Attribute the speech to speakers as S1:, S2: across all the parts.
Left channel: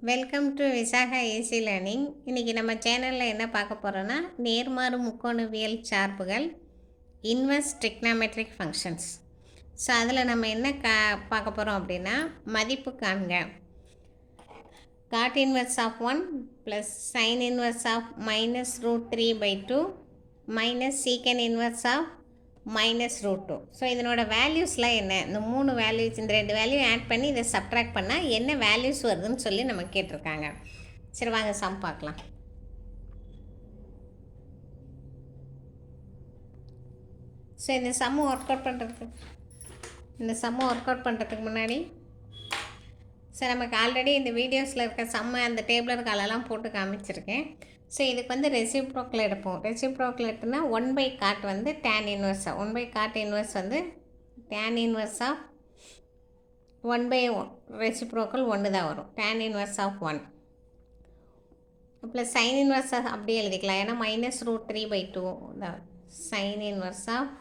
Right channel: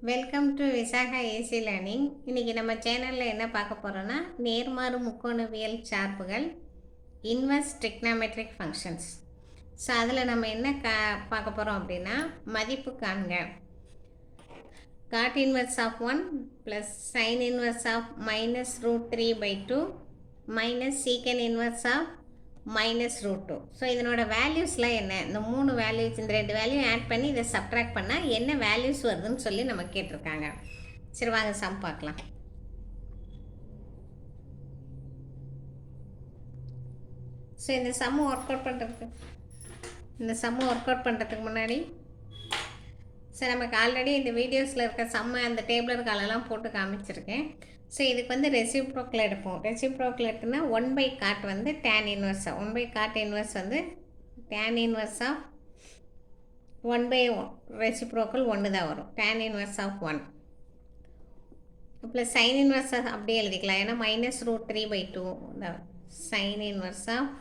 S1: Welcome to Visakha AC learning இன்றைக்கி நம்ம சேனலில் என்ன பார்க்க போகிறோன்னா நேர்மாறு முக்கோணவியல் சார்புகள் இன்வெர்ஸ் ட்ரிக்னாமெட்ரிக் ஃபங்க்ஷன்ஸ் ஸோ அதில் நம்ம என்ன கா பார்க்க போகிறோம் அப்படின்னா மதிப்பு காண்க. Cot inverse of one plus sine inverse of minus root three by two minus secant inverse of minus root two so இதனோட வேல்யூஸ்லாம் என்ன? இந்த மூணு வேல்யூஸ் இந்த ரெண்டு வேல்யூ ஆட் பண்ணி இதை சப்ட்ராக்ட் பண்ணால் என்ன வேல்யூஸ் வருதுன்னு சொல்லி நம்ம கேட்டிருக்காங்க. சரி வாங்க சம் பார்க்கலாம். ஸோ இந்த சம்மு ஒர்க் அவுட் பண்ணுறதுக்கு இந்த சம்மு ஒர்க் அவுட் பண்ணுறதுக்கு முன்னாடி சார் நமக்கு ஆல்ரெடி இந்த வீடியோஸில் இருக்க செம்ம அந்த டேபிளர் காலெல்லாம் போட்டு காமிச்சிருக்கேன். ஸோ இதுக்கு வந்து ரெசிப்ரோக்கில் எடுப்போம். ரெசிப்ரோக்கில் எடுத்தோம்னா ஒன் பை காட் வந்து டேன் இன்வர்ஸாக ஒன் பை காட் இன்வர்ஸ் வந்து tan inverse of one by reciprocal ஒன்று தான் வரும். Tan inverse of one plus sine inverse அப்படியே எழுதிக்கலாம். ஏன்னா minus root three by two sine inverse of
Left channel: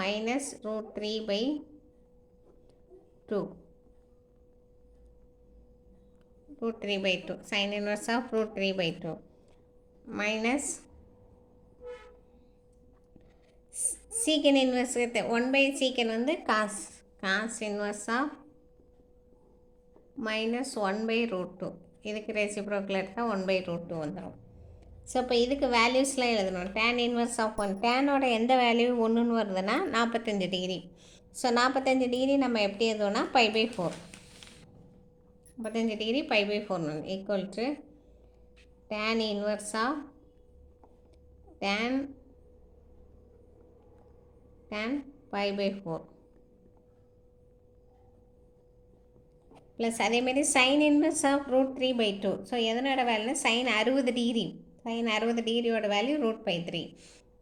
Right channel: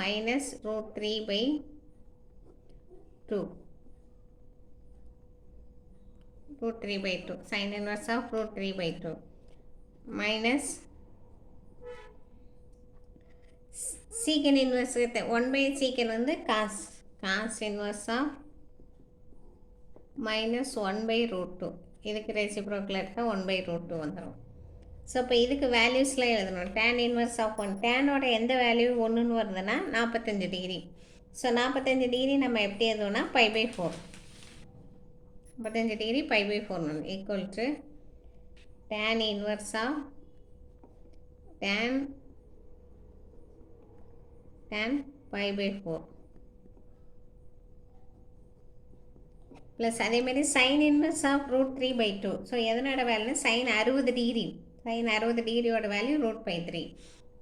S1: minus root three by two root 3 by 2 sin inverse of root 3 by 2 minus secant inverse with 1 by secant வந்து cos cos inverse of minus one by root two இதுக்கு ரெசிப்ரோக்கில் எடுத்தால் one by root two வந்துடும் so இப்போ இதுக்கு வேல்யூஸ்லாம் எழுதணும். Tan inverse of one டேனோட எந்த வேல்யூ ஒன்றுன்னு வருதுன்னா நாற்பத்தஞ்சு டிகிரி ஸோ நாற்பத்தஞ்சு டிகிரி நம்ம எப்படி எழுதுவோம்னா பை பை ஃபோர் முப்பத்தஞ்சு degree pi by four equal to tan inverse of tan tan pi by four plus அதேமாரி sine inverse of root three by two so எதனோட value sine அறுபது degree sine அறுபது டிகிரியோட value root by three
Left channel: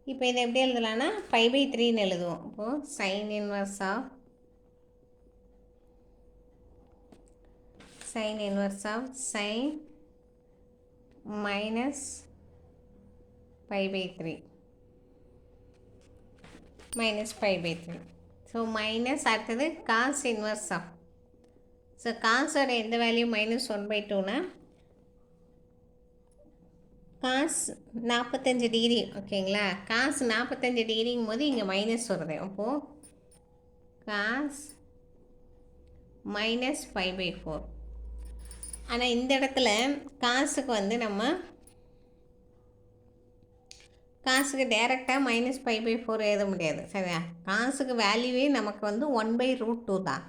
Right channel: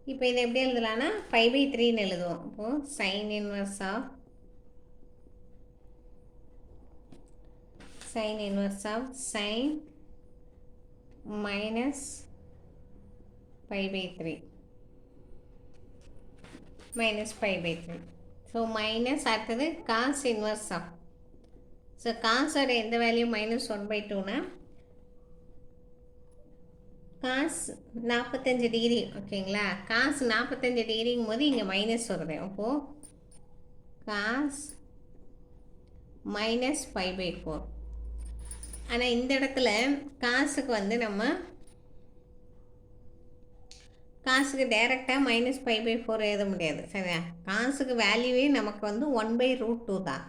S1: இப்போ இதை எப்படி எழுதலாம்னா pi by த்ரீன்னு எழுதுவோம். இப்போது sine inverse of sine inverse of sine minus pi by 3 minus pi by 3 so minus அடுத்தது காஸ் இன்வர்ஸ் ஆஃப் ஸோ காஸோட எந்த வேல்யூ மைனஸ் ஒன் பை டூனா காஸ் நாற்பத்தஞ்சு டிகிரி ஓகேங்களா? காஸ் நாற்பத்தஞ்சு டிகிரிங்கும் போது இங்கே மைனஸ் வருது. அப்போது cos minus five by four ஆனால் இந்த இடத்துல காசுக்கு வந்து நம்ம காசுக்கு டேரெக்டாக மைனஸ் ஃபைவ் பை ஃபோர் எழுத முடியாது சரியா? காசுக்கு வேல்யூவே நமக்கு வந்து ஒன் பை ரூட் டூ தான்.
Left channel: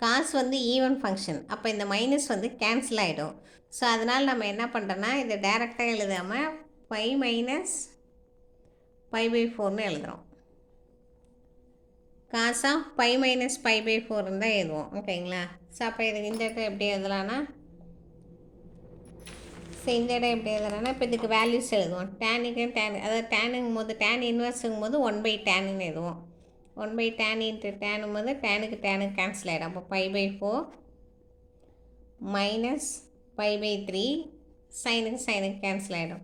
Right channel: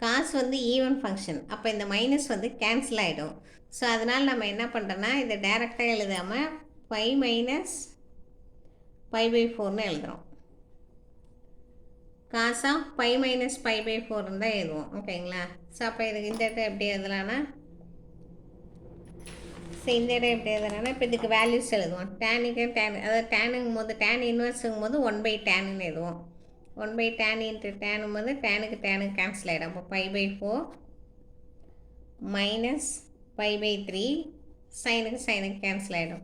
S1: காசு வந்து ஈவன் ஃபங்க்ஷன் அப்போ இந்த மைனஸ் வந்து கேன்சல் ஆகிடும் ஸோ அதனால் நம்ம என்ன பண்ணுறோன்னா இதை டேரெக்டாக எழுதாமல் ஃபைவ் மைனஸ் ஃபைவ் பை ஃபோர்னு எழுதுகிறோம் காசாக ஃபைவ் மைனஸ் ஃபைவ் பை ஃபோர்னு தான் எழுதுவோம் ஓகேங்களா ஸோ அப்போ இதுக்கு இந்த இடத்துல எப்படி எழுதலான்னா ஸோ இந்த இடம் எப்படி எழுதுறோன்னா இப்போ இதுக்கு வேல்யூஸ் எழுதுவோம். டேனுக்கு டேன் அதாவது டேனுங்கும் போது டேன் இன்வெர்ஸுங்கும் போது ஒன் பை டேனுன்னு எழுதுவோம். ஒன் பை டேன் இன்ட்டு டேனும் போது டேனுக்கு டேனுக்கு கேன்சல் ஆகிடும் அப்போ five pi four minus five pi three சைனுக்கு சைனுக்கு கேன்சல் ஆகிடும்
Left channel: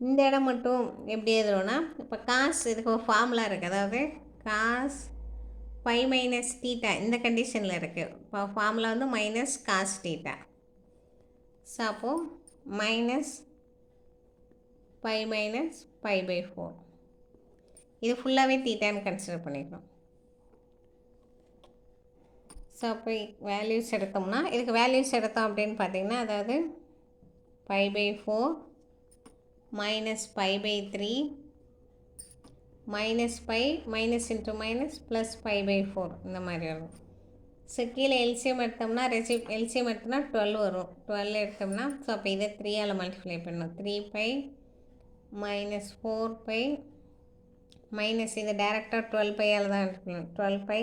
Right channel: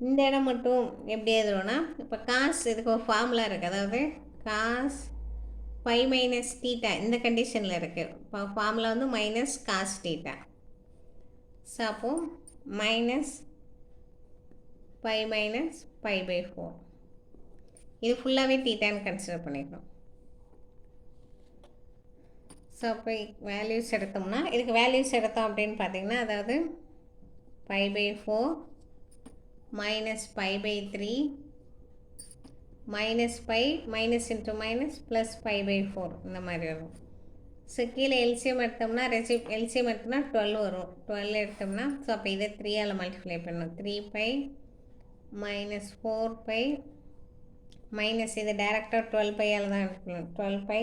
S1: இந்த இடம் மட்டும் எப்படி எழுதுறோன்னா இப்போ காசு இதுக்கு ஒரு ஃபார்முலா இருக்குது அதாவது காஸ் ஃபைவ் மைனஸ் டீட்டா இந்த கண்டிஷனில் இருக்குது இப்போ ஃபார்முலா வந்து மைனஸ் காஸ் டீட்டா ஸோ அப்போது minus pi minus pi by four இது ஃபுல்லாகவே தீட்டான்னு கன்சிடர் பண்ணிடுறோம் ஸோ அப்போ வேல்யூஸ் எடுத்தோம்னா இதுக்கு வேல்யூஸ் எடுத்தோம் அப்படின்னு பார்த்தீங்கன்னா அதாவது five pi four minus five pi three minus pi minus into minus plus pi by four இந்த மாதிரி வரும். ஸோ கீழே எல்சிஎம் எடுத்தோம்னா ரெசி எல்சிஎம் எடுத்தோம்னா டுவெல் வரும். டுவெல் எடுத்தோம்னா ஸோ அப்போ இதை த்ரீயால் மல்டிப்ளை பண்ணணும். Three pi minus four pi minus இதை டேரெக்டாக டுவெல் பையால் தான் எடுக்கணும் டுவெல் பை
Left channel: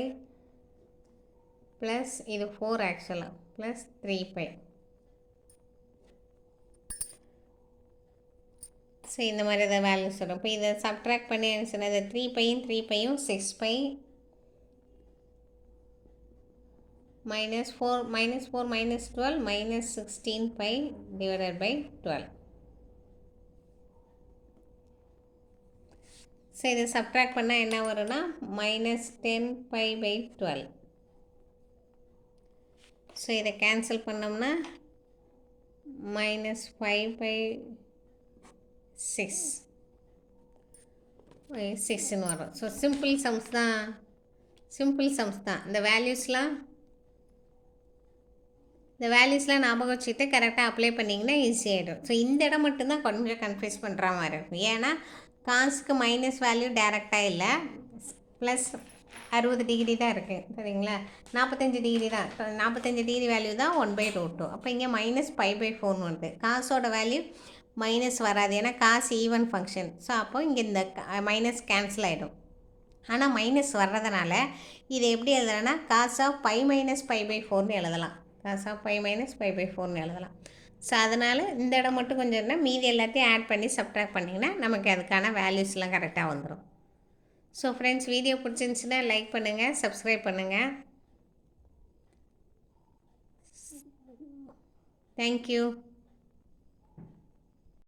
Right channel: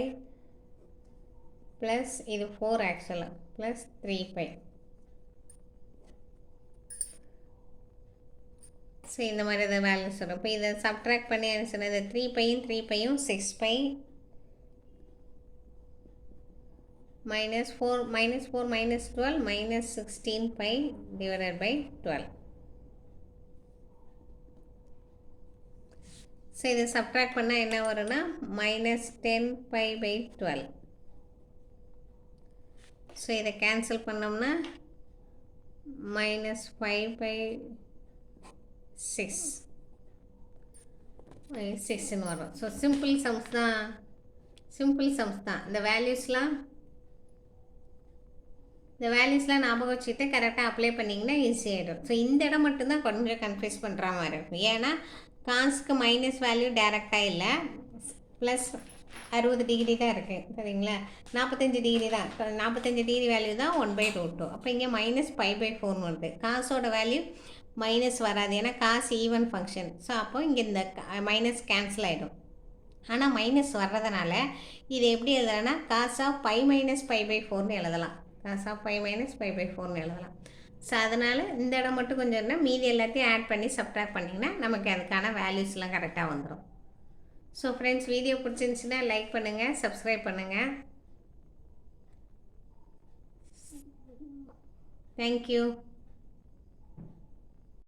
S1: ப்ளஸ் இது ஃபோர் ஆக்சுவலாக ப்ளஸ் த்ரீ பை ஸோ இந்த மாதிரி தான் வேல்யூஸ் வரும். இப்போ இதை சப்ட்ராக்ட் பண்ணி சொன்னது த்ரீ பையும் three பையும் six pi minus 4 minus 4 minus 12 minus 16 pi divided by 12 so இது சப்ட்ராக்ட் பண்ணால் என்ன வரும்னா minus ten pi by twelve so இதை கேன்சல் பண்ணோம்னா மைனஸ் ஃபைவ் பை சிக்ஸ் சிக்ஸ்னு வரும். ஸோ சிம்பிள் சம்ஸ் தான் சிம்பிள் சம்ஸ் தான். இந்த வேல்யூஸ்லாம் இந்த வேல்யூஸ்லாம் ஞாபகம் வச்சுக்கிட்டு கரெக்டாக அப்ளை பண்ணிங்கன்னா ஈஸியாகிடும் ஸோ இந்த இடம் மட்டும்தான் கொஞ்சம் கன்ஃபியூஸ் பண்ணுற மாதிரி இருக்கும். ஏன்னா காசுக்கு மைனஸ் வேல்யூ டேரெக்டாக இல்லை. ப்ளஸ் அறுபது டிகிரி தான் இருக்குது சரிங்களா? நாற்பத்தஞ்சு டிகிரி தான். நாற்பத்தஞ்சு டிகிரி வேல்யூ தான் ஒன் பை ரூட் டூ அப்போ இங்கே மைனஸ் ஃபைவ் பை ஃபோர்னு வருது. காசோட வேல்யூ மைனஸ் வராது. ஏன்னா காசு ஈவன் ஃபங்க்ஷன் ஸோ அப்போ இங்கே இந்த மைனஸ் கேன்சல் ஆகிடும் ஆனால் மைனஸ் வர்றதுனால இது எப்படி எழுதலாம்னா காசாக ஃபைவ் மைனஸ் ஃபைவ் பை ஃபோர்னு எழுதலாம். Cos of five minus five pi ஃபோர்னு எழுதலாம். ஸோ அதனால் இந்த இடம் மட்டும் கொஞ்சம் இருந்தால் மீதி எல்லாத்தையும் ஆட் பண்ணி சப்ட்ராக்ட் பண்ணிங்கன்னா நமக்கு அதுக்கான வேல்யூஸ்லாம் கரெக்டாக வந்துடும் ஸோ ஃப்ரெண்ட்ஸ் வீடியோ பிடிச்சிருந்துச்சுன்னா லைக் பண்ணுங்கள் சப்ஸ்கிரைப் பண்ணுங்கள் தேங்க்யூ